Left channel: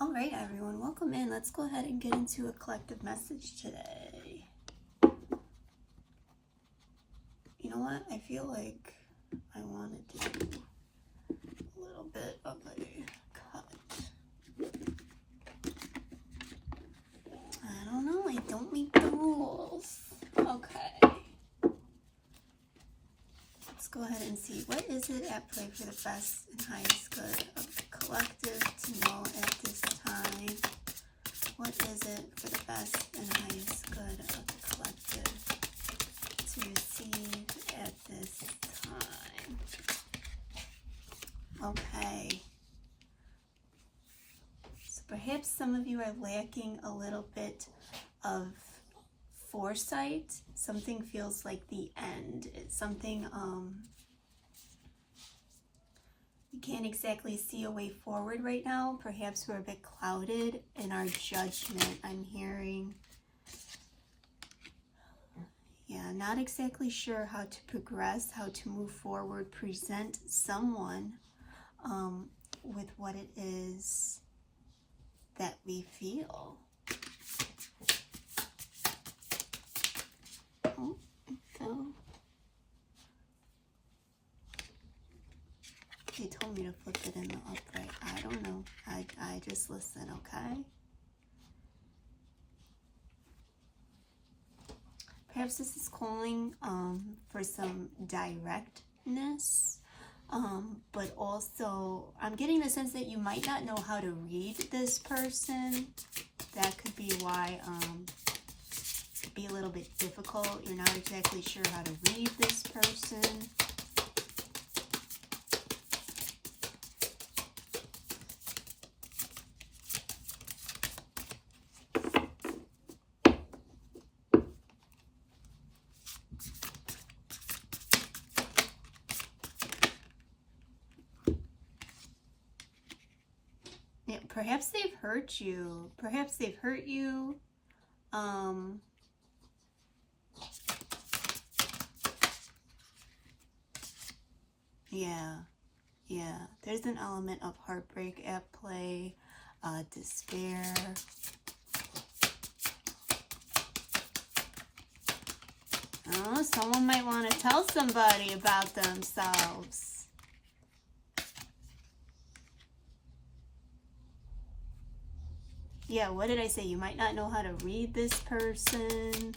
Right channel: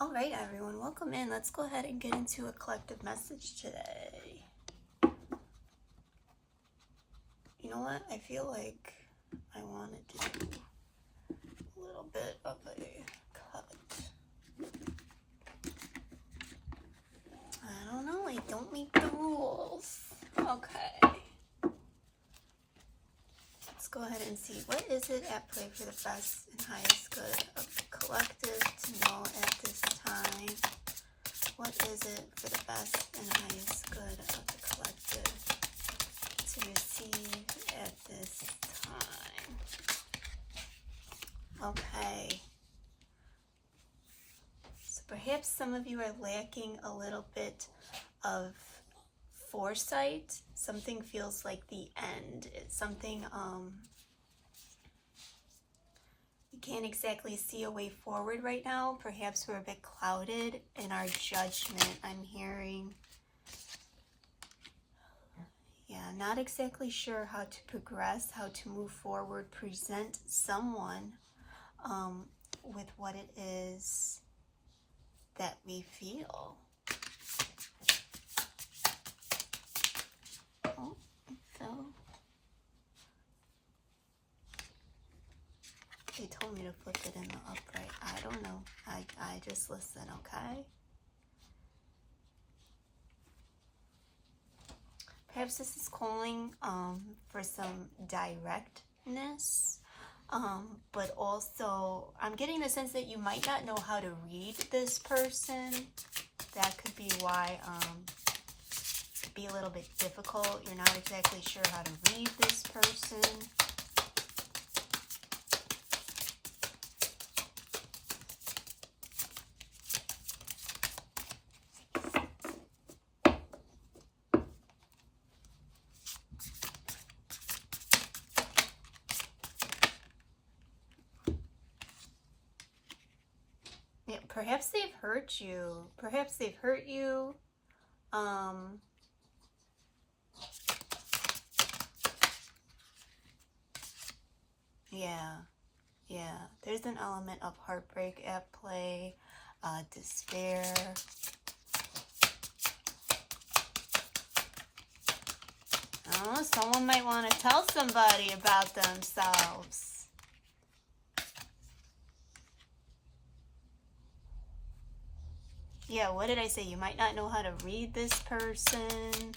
All right, everyone, welcome in. Let's go ahead and get into a collective message today. You know what? I feel like I want to do a little bit of a cut. I don't know. I don't make the rules. Okay. Let's go ahead and see. What is it at play for the best and highest good of the collective to know at this time? What is it for the best and highest good of the collective to receive at this time? Okay. So perhaps some of you are lacking a little bit of foresight. Something feels like the end. It's something we can't exactly see a way forward right now. Perhaps we're a bit clouded in our judgment. I'm hearing, not exactly sure how to progress, how to move forward, present someone with what it is that we feel. Oh, it fell. They told me to flip it in the upright. I don't know. I just listen, okay? Perhaps this is calling for some directness, but also I'm getting the sense that you might not know how to read this person. That could be why it'd be a little bit difficult. You're not exactly sure how to read this person. Perhaps they've hurt you. Perhaps they've hurt you. Yeah. There's an element of heartbreak at play, despair. Oh, someone might want to tell somebody about themselves. Yeah, what did I say? You might not know how to read this person.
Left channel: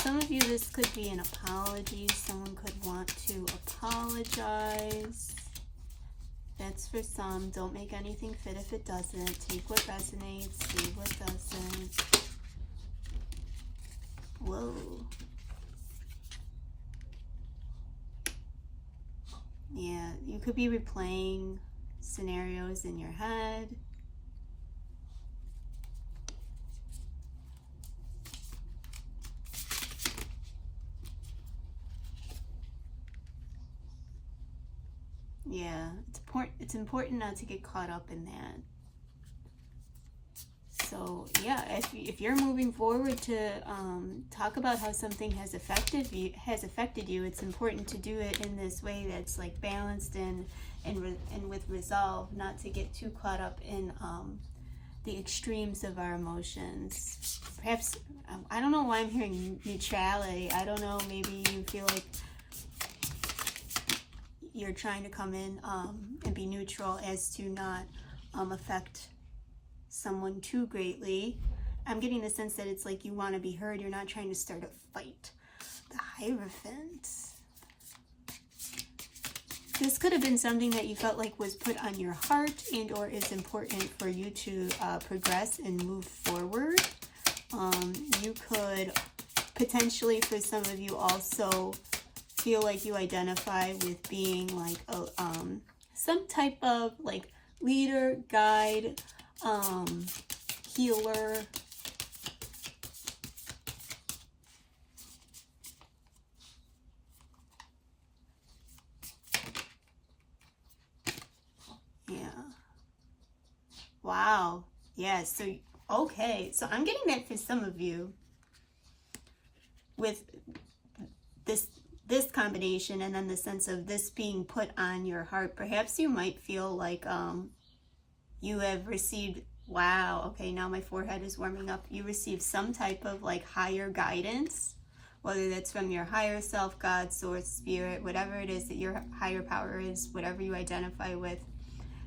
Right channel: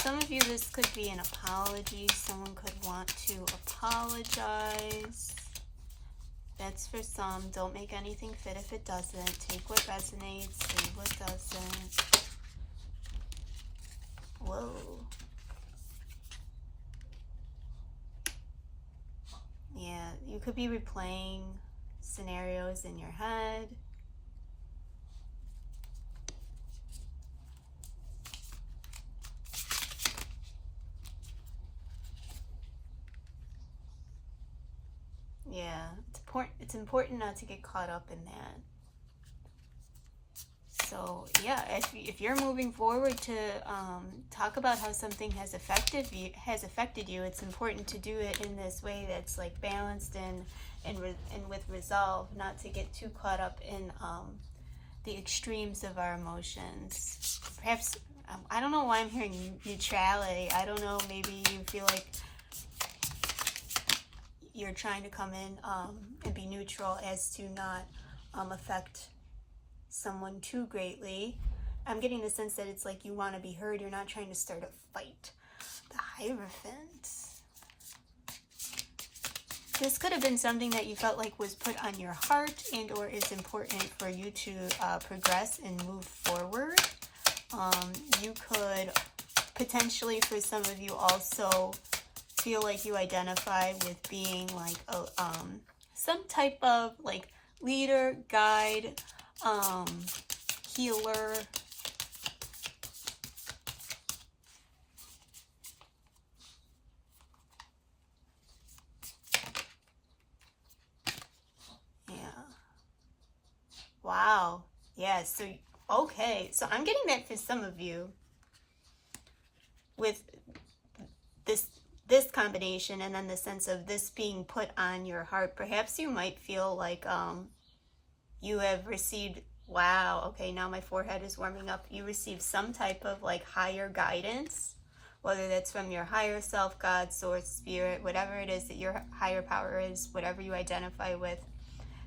Some of you, this could be an apology. Someone could want to apologize. That's for some. Don't make anything fit if it doesn't. Take what resonates, leave what doesn't. Whoa. Yeah, you could be replaying scenarios in your head. Yeah, it's important not to get caught up in that. So yeah, if you're moving forward to talk about how something has affected you, it's important to do it in this way that's like balanced and with resolve, not to get too caught up in the extremes of our emotions. Perhaps I don't know why I'm hearing neutrality. I don't know, maybe you feel like you're trying to come in and be neutral as to not affect someone too greatly. I'm getting the sense that it's like you want to be heard. You're not trying to start a fight. The Hierophant. This could have been something that you felt like was put on your heart and or is important for you to progress and move forward. You could potentially, for some of you, also feel like you identify with being like some type of like leader, guide, healer. Yeah. Wow. Yeah, so okay. So I'm getting that for some of you with this combination, and then the sense of this being put on your heart. Perhaps you might feel like you have received, wow, okay, now my forehead is warming up. You receive some type of like higher guidance, whether that's from your higher self, God, source, spirit, whatever it is that your higher power is, whatever you identify with,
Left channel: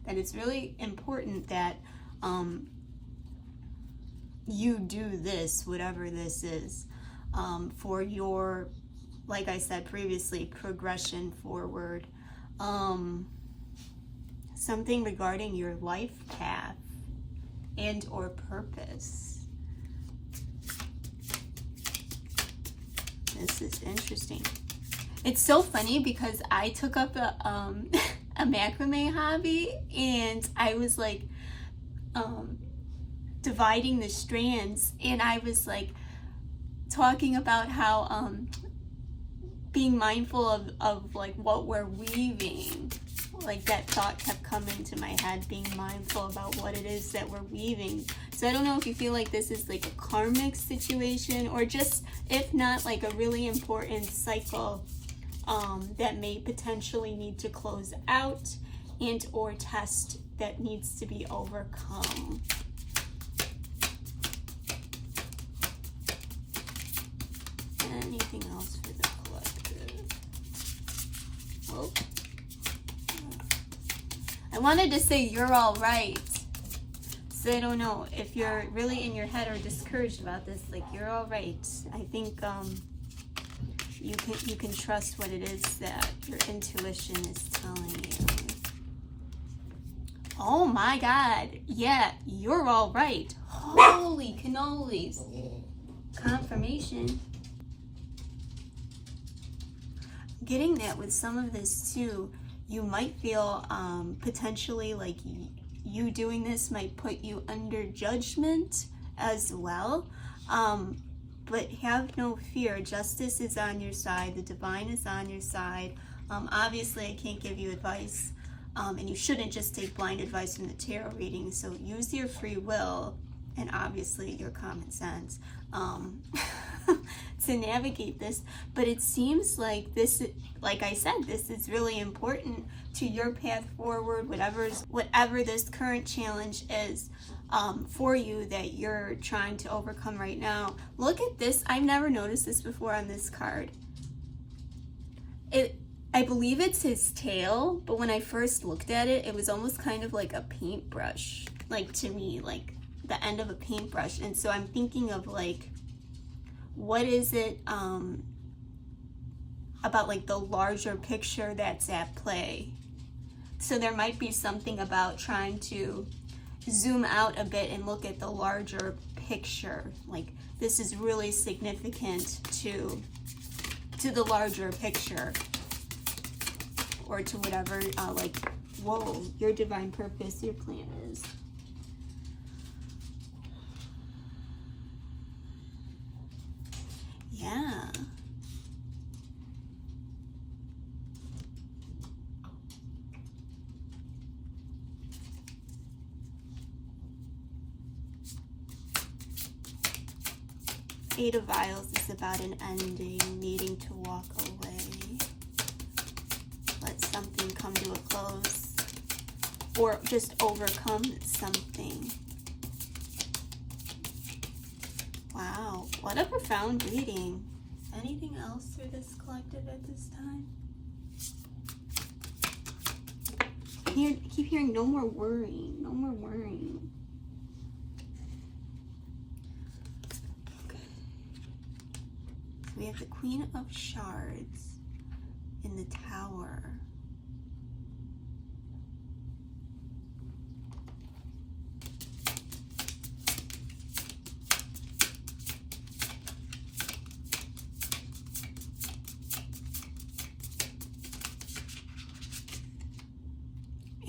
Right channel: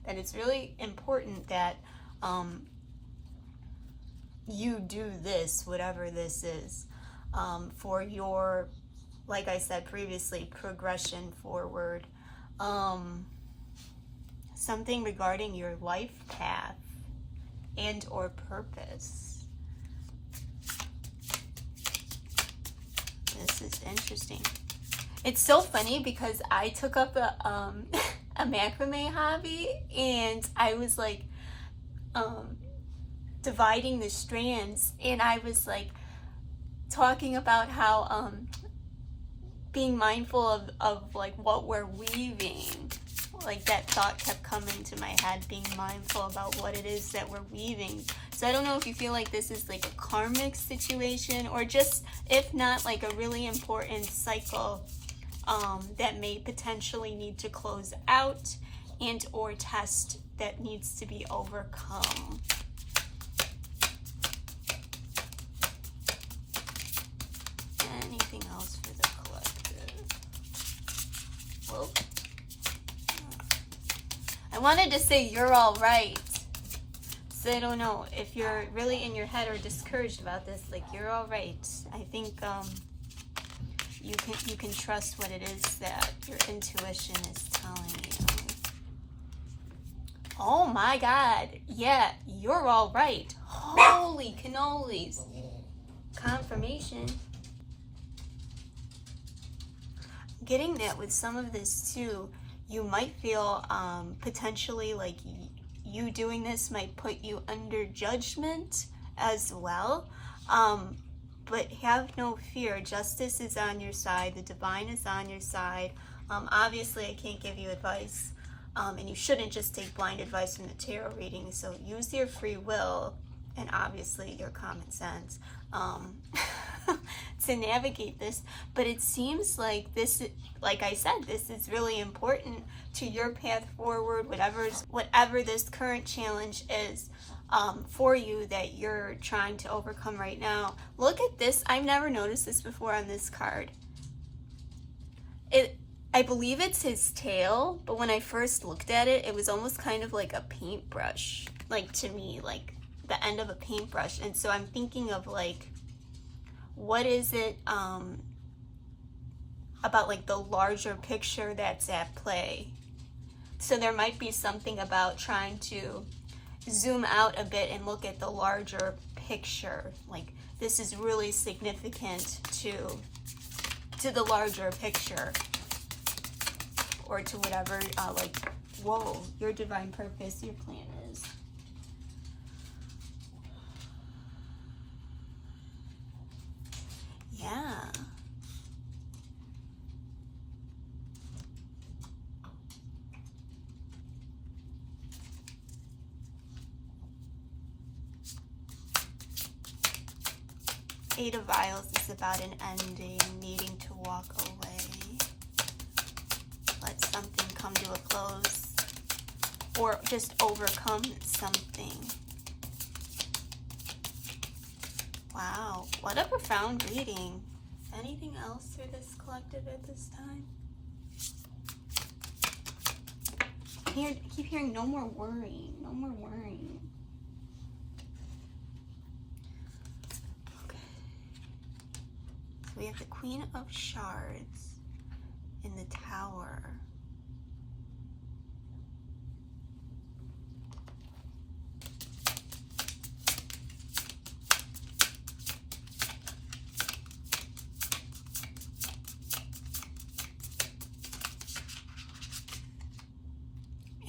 that it's really important that you do this, whatever this is, for your, like I said previously, progression forward. Something regarding your life path and or purpose. This is interesting. It's so funny because I took up a macrame hobby, and I was like dividing the strands, and I was like talking about how being mindful of like what we're weaving. Like that thought kept coming to my head, being mindful about what it is that we're weaving. So I don't know if you feel like this is like a karmic situation, or just, if not, like a really important cycle that may potentially need to close out and or test that needs to be overcome. Anything else for the collective? Whoa. I wanted to say you're all right. So I don't know if you're really in your head or discouraged about this. Like, you're all right. I think you can trust what it is that your intuition is telling you. Oh my God. Yeah, you're all right. Holy cannolis. Confirmation. Getting that with some of this too, you might feel potentially like you doing this might put you under judgment as well. But have no fear. Justice is on your side. The divine is on your side. Obviously, I can't give you advice. And you shouldn't just take blind advice from the tarot reading. So use your free will and obviously your common sense to navigate this. But it seems like this, like I said, this is really important to your path forward, whatever this current challenge is for you that you're trying to overcome right now. Look at this. I've never noticed this before on this card. I believe it's his tail, but when I first looked at it, it was almost kind of like a paintbrush, like to me, like the end of a paintbrush. And so I'm thinking of like, what is it about like the larger picture that's at play? So there might be something about trying to zoom out a bit and look at the larger picture. Like, this is really significant to the larger picture, or to whatever, like, whoa, your divine purpose, your plan is. Yeah. Eight of Vials is about an ending, needing to walk away. Let something come to a close, or just overcome something. Wow, what a profound reading. Anything else for this collective at this time? I keep hearing no more worrying, no more worrying. Okay. We have the Queen of Shards in the Tower.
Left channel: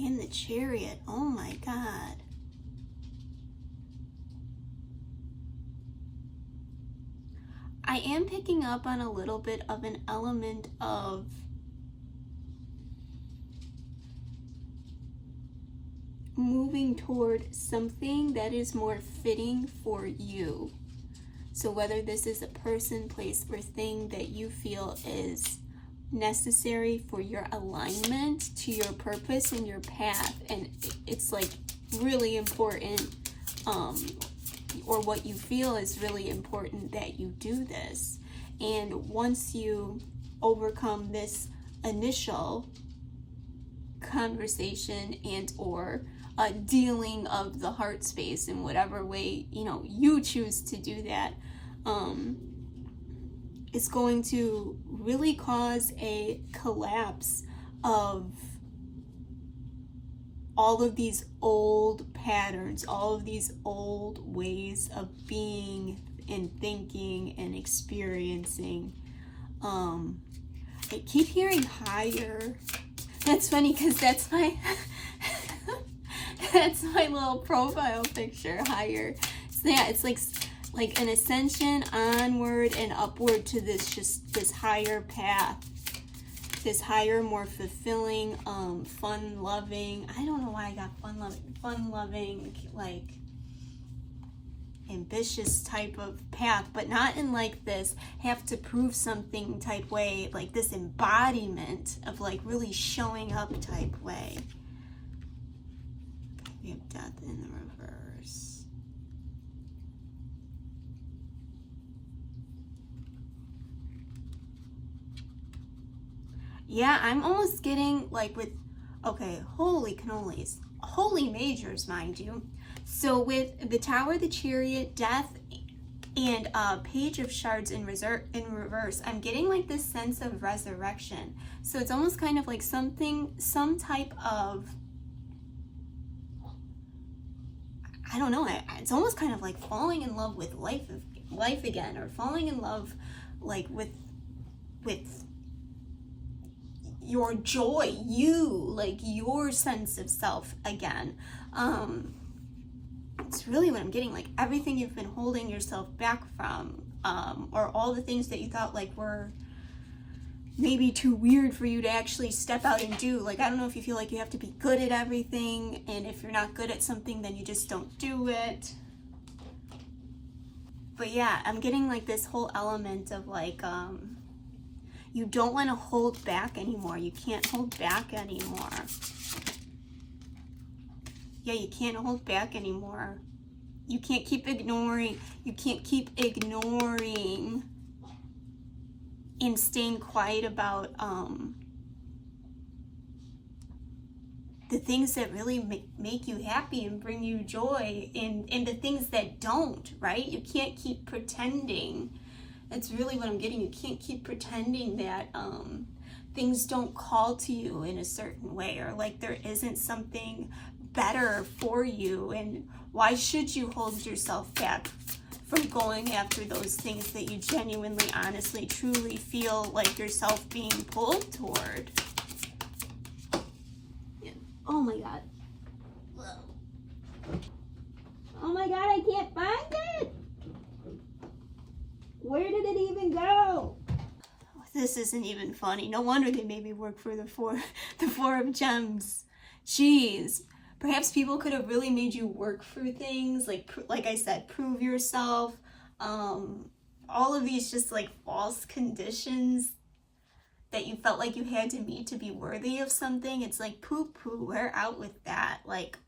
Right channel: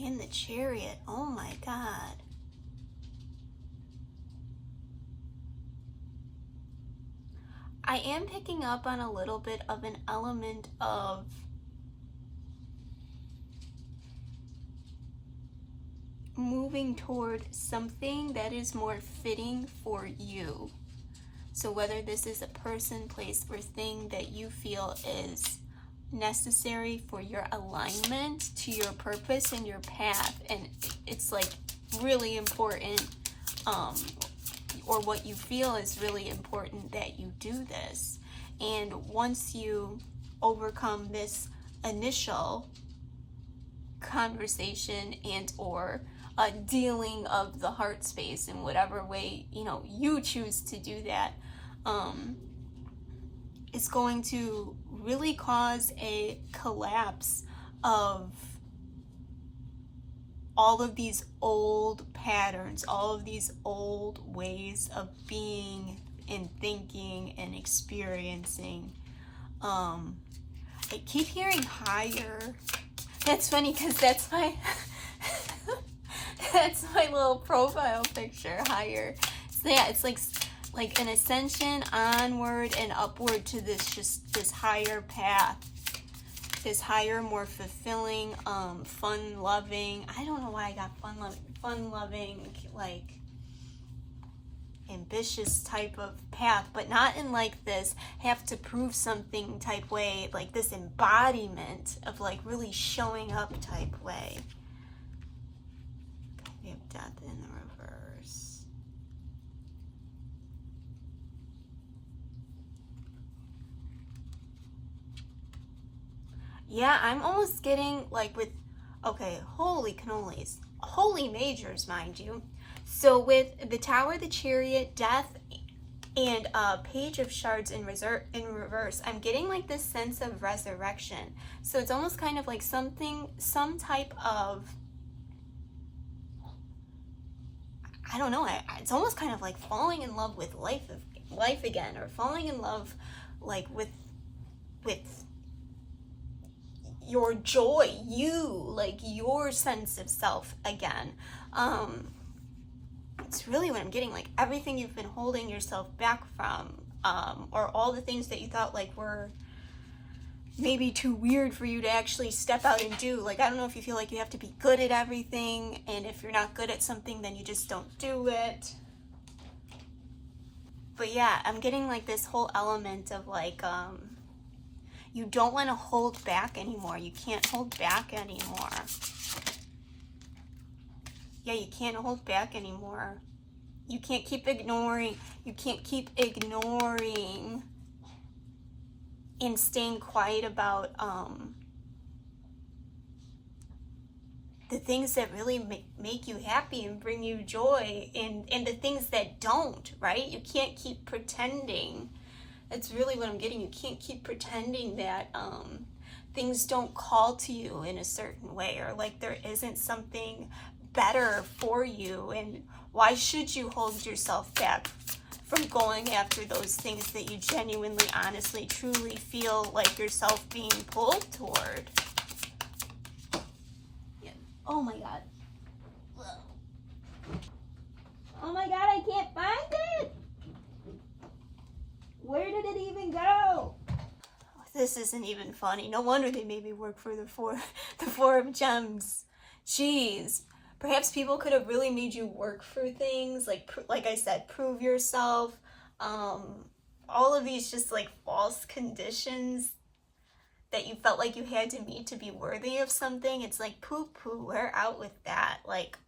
And the Chariot. Oh my God. I am picking up on a little bit of an element of moving toward something that is more fitting for you. So whether this is a person, place, or thing that you feel is necessary for your alignment to your purpose and your path, and it's like really important, or what you feel is really important, that you do this. And once you overcome this initial conversation and or dealing of the heart space in whatever way, you know, you choose to do that, it's going to really cause a collapse of all of these old patterns, all of these old ways of being and thinking and experiencing. I keep hearing higher. That's funny because that's my that's my little profile picture, higher. So yeah, it's like an ascension onward and upward to this higher path, this higher, more fulfilling, fun-loving. I don't know why I got fun-loving, like ambitious type of path, but not in like this have to prove something type way, like this embodiment of like really showing up type way. We have death in the reverse. Yeah, I'm almost getting like with, okay, holy cannolis, holy majors, mind you. So with the Tower, the Chariot, Death, and Page of Shards in reverse, I'm getting like this sense of resurrection. So it's almost kind of like some type of, I don't know, it's almost kind of like falling in love with life again, or falling in love like with your joy, like your sense of self again. It's really what I'm getting, like everything you've been holding yourself back from, or all the things that you thought like were maybe too weird for you to actually step out and do. Like, I don't know if you feel like you have to be good at everything, and if you're not good at something, then you just don't do it. But yeah, I'm getting like this whole element of like, you don't want to hold back anymore. You can't hold back anymore. Yeah, you can't hold back anymore. You can't keep ignoring. You can't keep ignoring and staying quiet about the things that really make you happy and bring you joy, and the things that don't, right? You can't keep pretending. That's really what I'm getting. You can't keep pretending that things don't call to you in a certain way, or like there isn't something better for you. And why should you hold yourself back from going after those things that you genuinely, honestly, truly feel like yourself being pulled toward? Oh my God. Oh my God, I can't find it. Where did it even go? This isn't even funny. No wonder they made me work for the four of gems. Jeez. Perhaps people could have really made you work for things, like I said, prove yourself. All of these just like false conditions that you felt like you had to meet to be worthy of something. It's like poo-poo, we're out with that. Like,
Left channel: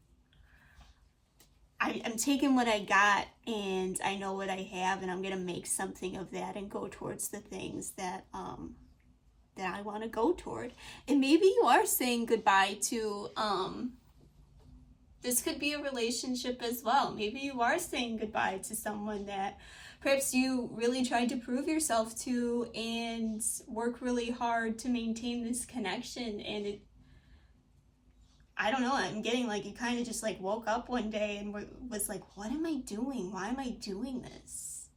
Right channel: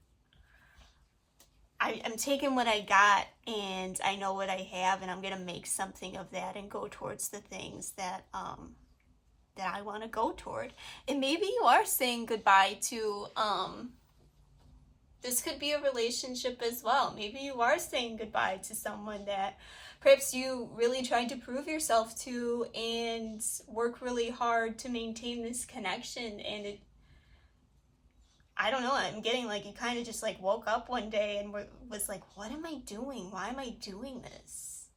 I'm taking what I got, and I know what I have, and I'm gonna make something of that and go towards the things that that I want to go toward. And maybe you are saying goodbye to this could be a relationship as well. Maybe you are saying goodbye to someone that perhaps you really tried to prove yourself to and work really hard to maintain this connection, and it, I don't know, I'm getting like you kind of just like woke up one day and was like, what am I doing? Why am I doing this?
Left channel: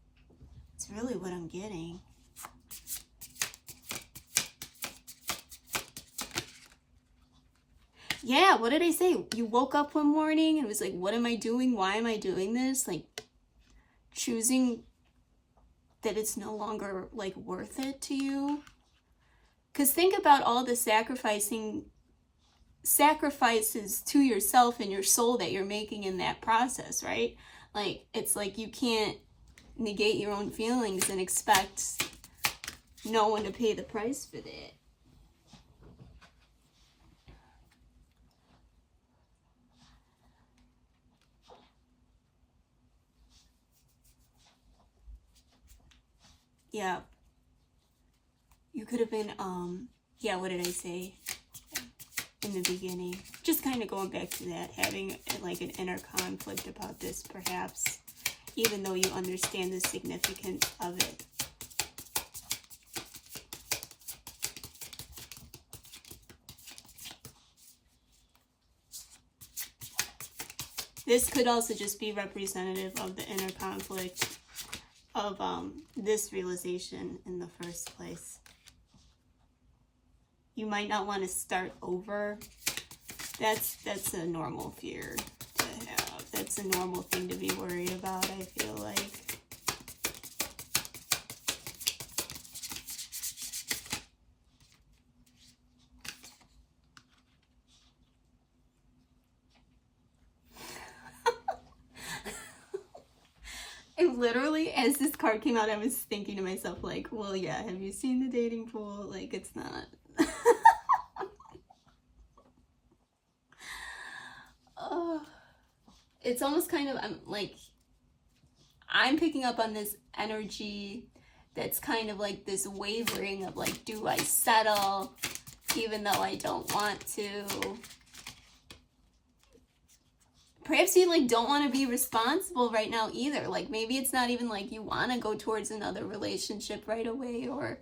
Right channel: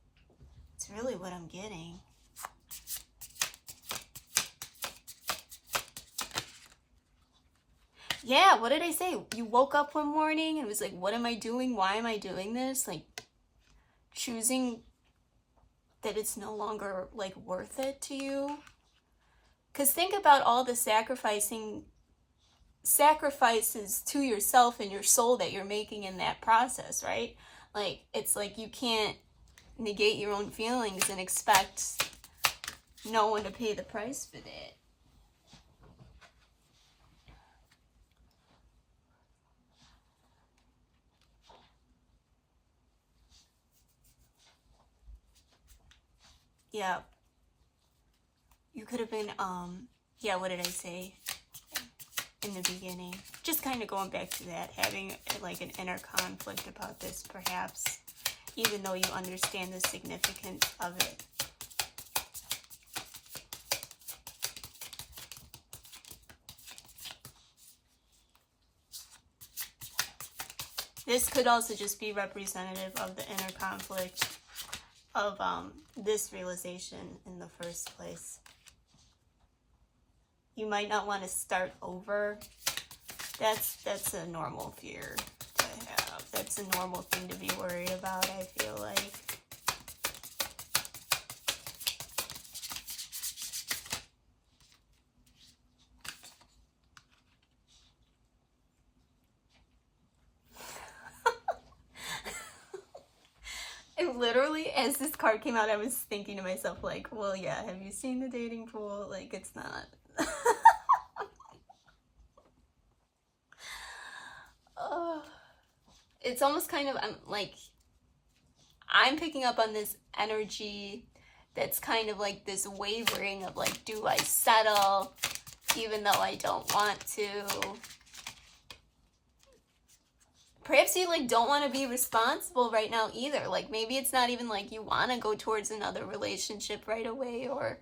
It's really what I'm getting. Yeah, what did I say? You woke up one morning and was like, what am I doing? Why am I doing this? Like, choosing that it's no longer like worth it to you. Because think about all the sacrifices to yourself and your soul that you're making in that process, right? Like, it's like you can't negate your own feelings and expect no one to pay the price for that. yeah, you could have been, yeah, what did I say in the beginning? Just kind of going back to that, having like an inner conflict about this, perhaps, even though you understand the significance of it. This could also just be representative of the inner conflict of this realization in the first place. You might not want to start over. That's a normal fear to have. That's a normal thing to be worried about, I feel like. And literally, as this card came out, I was thinking to myself, like, well, yeah, have you seen the dating pool? Like, it's not. It's almost kind of, I'm picking up on this energy that's kind of like this wavering of like, do I settle even though I don't want to? Perhaps you like don't want to be responsible right now either. Like maybe it's not even like you want to go towards another relationship right away, or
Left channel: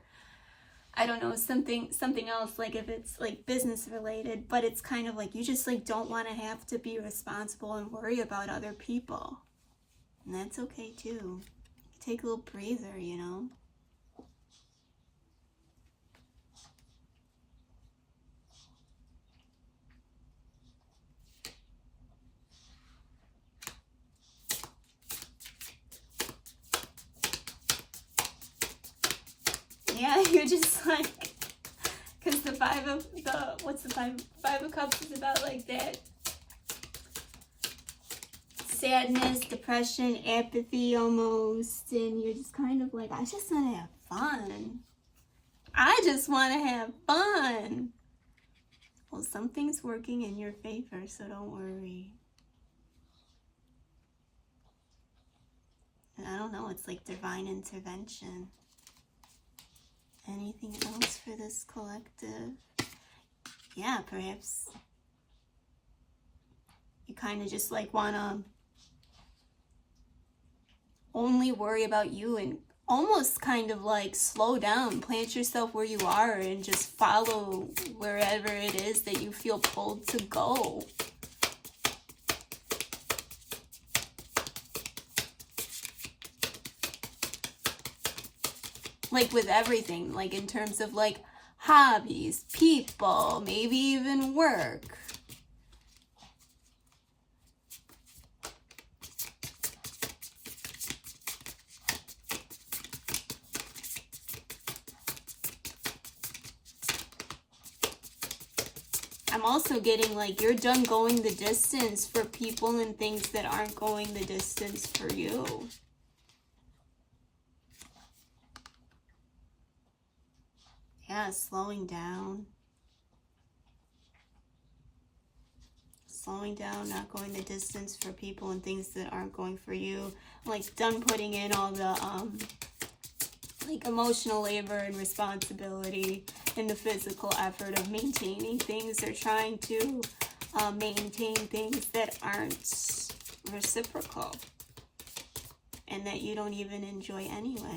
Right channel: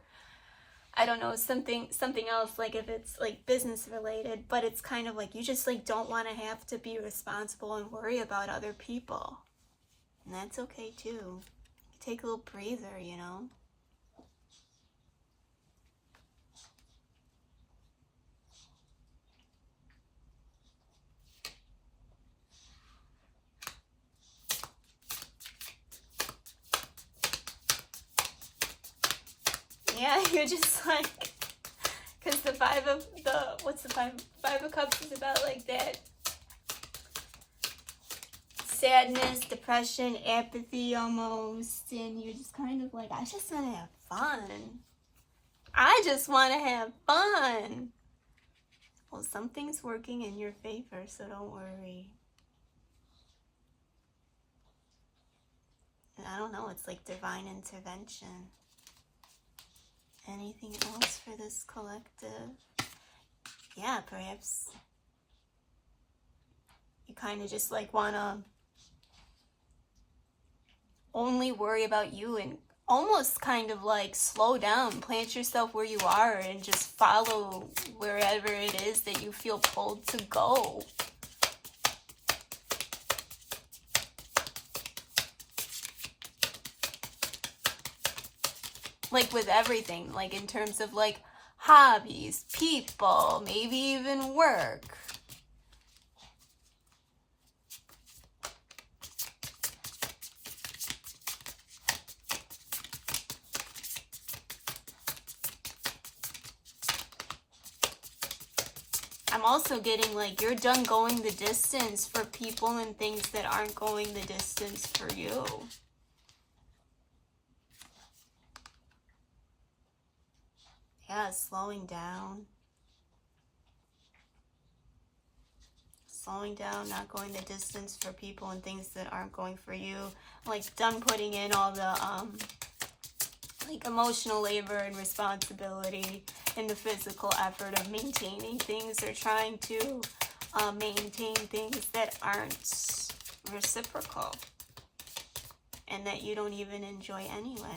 I don't know, something else, like if it's like business related, but it's kind of like you just like don't want to have to be responsible and worry about other people. And that's okay too. Take a little breather, you know? Yeah, you're just like, because the five of cups is about like that sadness, depression, apathy almost, and you're just kind of like, I just want to have fun. I just want to have fun. Well, something's working in your favor, so don't worry. And I don't know, it's like divine intervention. Anything else for this collective? Yeah, perhaps you kind of just like want to only worry about you and almost kind of like slow down, plant yourself where you are and just follow wherever it is that you feel pulled to go. Like with everything, like in terms of like hobbies, people, maybe even work. I'm also getting like you're done going the distance for people and things that aren't going the distance for you. Yeah, slowing down. Slowing down, not going the distance for people and things that aren't going for you. Like done putting in all the like emotional labor and responsibility and the physical effort of maintaining things or trying to maintain things that aren't reciprocal and that you don't even enjoy anyway.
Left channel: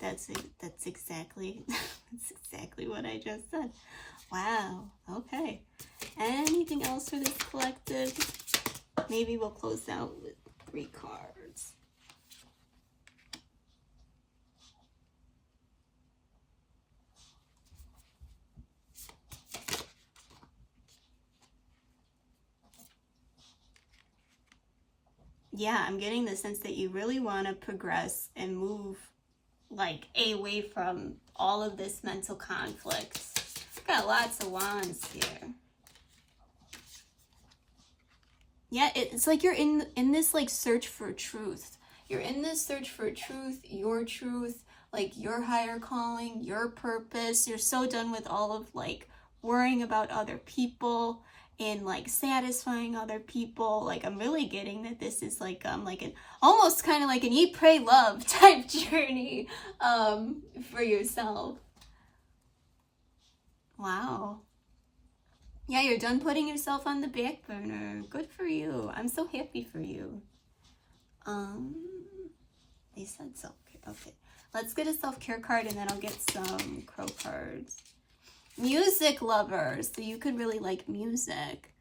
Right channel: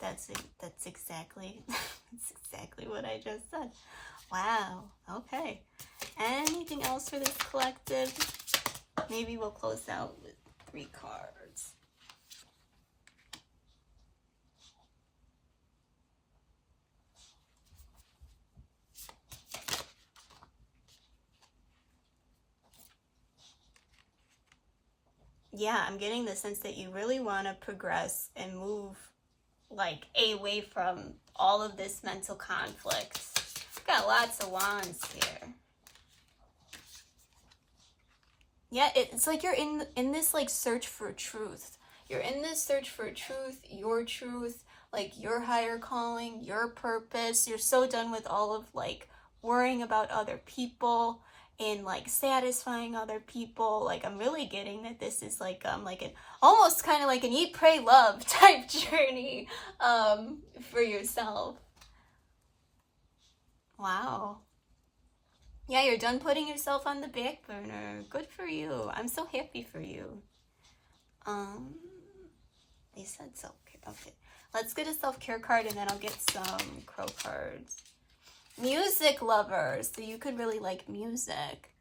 That's exactly what I just said. Wow. Okay. Anything else for this collective? Maybe we'll close out with 3 cards. Yeah, I'm getting the sense that you really want to progress and move like away from all of this mental conflict. Got lots of wands here. Yeah, it's like you're in this like search for truth. You're in this search for truth, like your higher calling, your purpose. You're so done with all of like worrying about other people in like satisfying other people. Like I'm really getting that this is like an almost kind of like an eat, pray, love type journey for yourself. Wow. Yeah, you're done putting yourself on the back burner. Good for you. I'm so happy for you. They said self-care. Okay. Let's get a self-care card and then I'll get some crow cards. Music lovers. So you could really like music.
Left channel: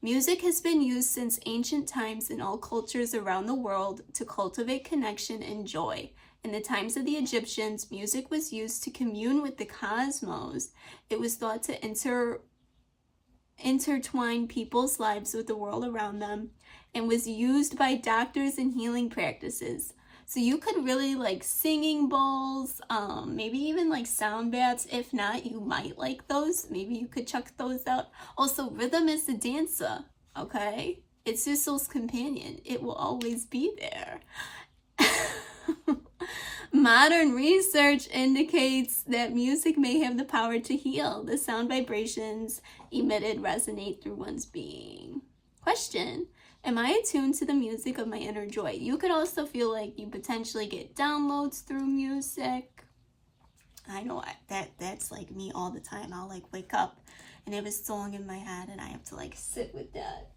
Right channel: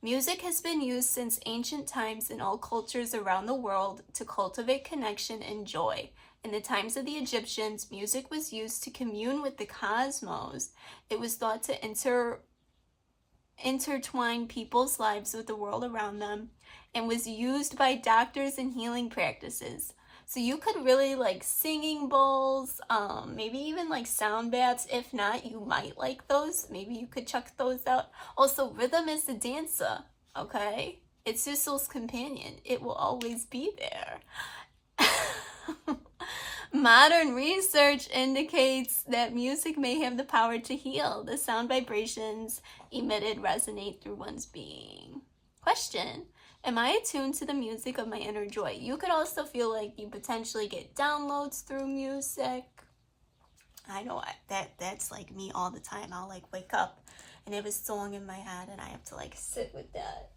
Music has been used since ancient times in all cultures around the world to cultivate connection and joy. In the times of the Egyptians, music was used to commune with the cosmos. It was thought to intertwine people's lives with the world around them, and was used by doctors in healing practices. So you could really like singing bowls, maybe even like sound baths. If not, you might like those. Maybe you could check those out. Also, rhythm is the dancer, okay? It's your soul's companion. It will always be there. Modern research indicates that music may have the power to heal. The sound vibrations emitted resonate through one's being. Question: am I attuned to the music of my inner joy? You could also feel like you potentially get downloads through music. I know that's like me all the time. I'll like wake up and have a song in my head and I have to like sit with that.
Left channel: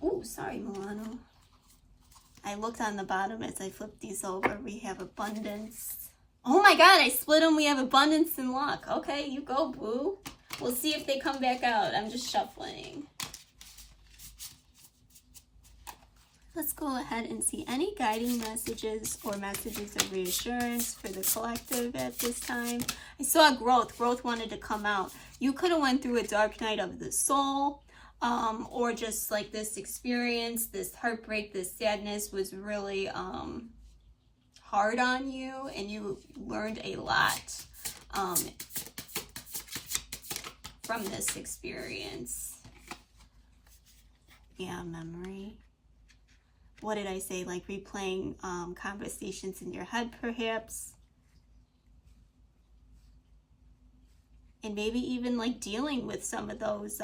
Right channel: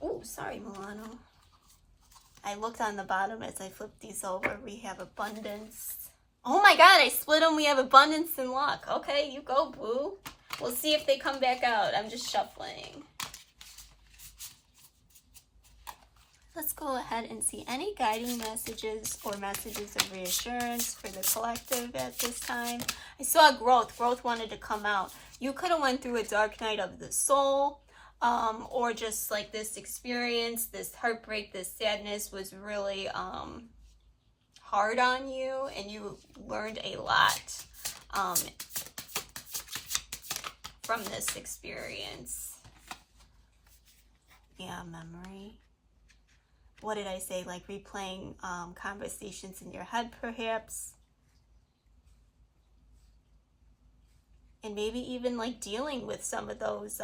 Oh, sorry, Milano. I looked on the bottom as I flipped these over. We have abundance. Oh my God, I split them. We have abundance and luck. Okay, you go, boo. We'll see if they come back out. I'm just shuffling. Let's go ahead and see any guiding messages or messages of reassurance for the collective at this time. I saw growth. Growth wanted to come out. You could have went through a dark night of the soul. Or just like this experience, this heartbreak, this sadness was really hard on you, and you learned a lot from this experience. Yeah, memory. What did I say? Like replaying conversations in your head, perhaps. And maybe even like dealing with some of those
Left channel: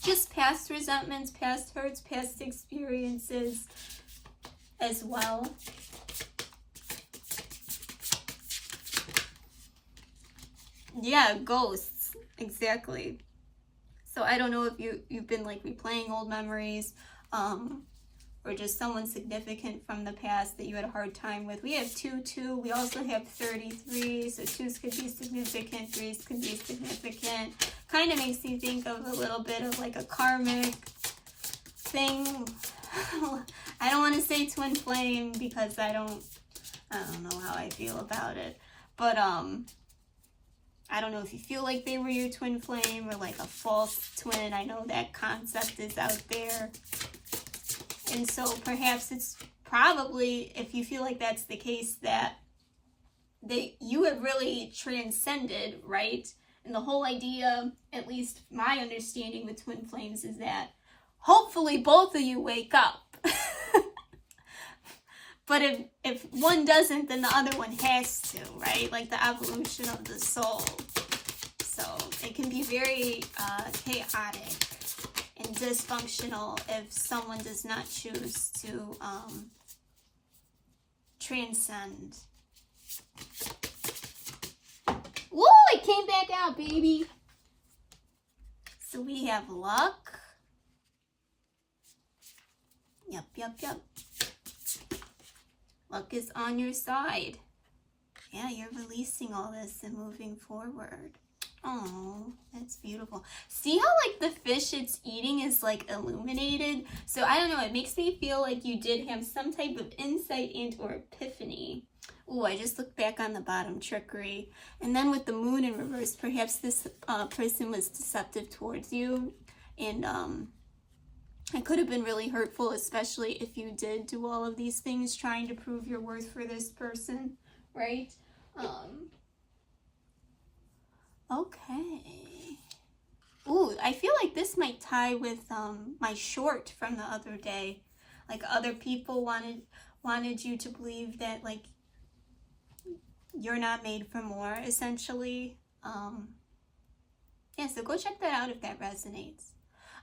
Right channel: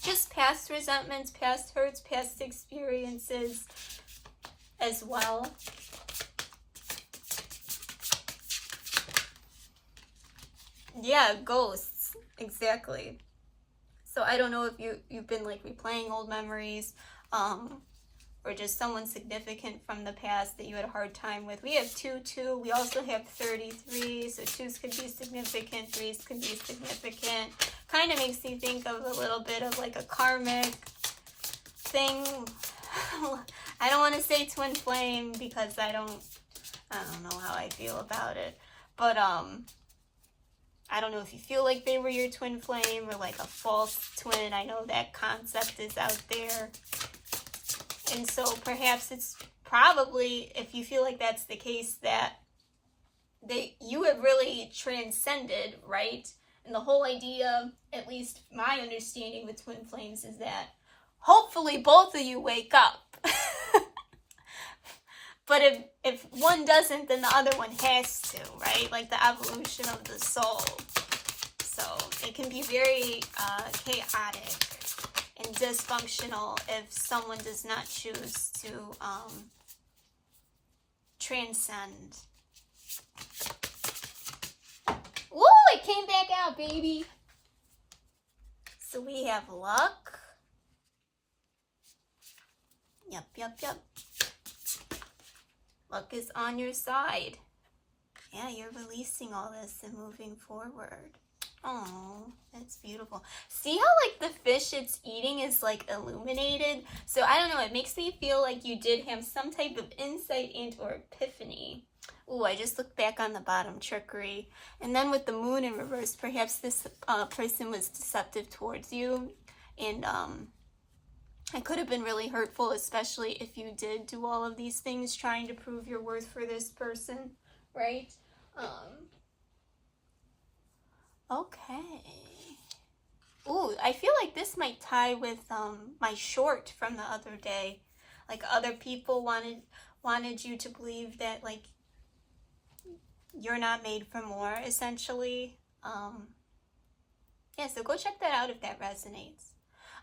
just past resentments, past hurts, past experiences as well. Yeah, ghosts, exactly. So I don't know if you've been like replaying old memories, or just someone significant from the past that you had a hard time with. We have 2. We also have 33, so 2s could be significant, 3s could be significant. Kind of makes you think of a little bit of like a karmic thing. I don't want to say twin flame because I don't know how I feel about it. But I don't know if you feel like they were your twin flame or like a false twin. I know that concept is out there. And so perhaps it's probably, if you feel like that's the case, that you have really transcended, right? And the whole idea, at least my understanding with twin flames, is that hopefully both of you wake up. But if one doesn't, then the other one has to, right? Like the evolution of the soul. So it can be very chaotic and dysfunctional if someone does not choose to transcend. Woo! It came back out, baby. So we have luck. Yep. Luck is on your side. Yeah, you're releasing all this and moving forward. Oh, that's beautiful. See how like the fish it's eating is like illuminated? So I don't know, it makes me feel like you did have some type of insight and or epiphany. Ooh, I just looked back on the bottom, trickery. And then with the moon in reverse, perhaps this person was deceptive towards you. And it could have been really hurtful, especially if you did do all of these things trying to prove your worth for this person, right? Okay. Ooh, I feel like this might tie with my short from the other day. Like other people wanted you to believe that like you're not made for more, essentially. Yeah, so go check that out if that resonates.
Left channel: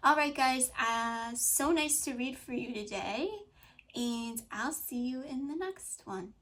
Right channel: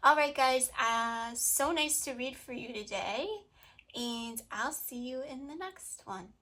All right, guys, so nice to read for you today, and I'll see you in the next one.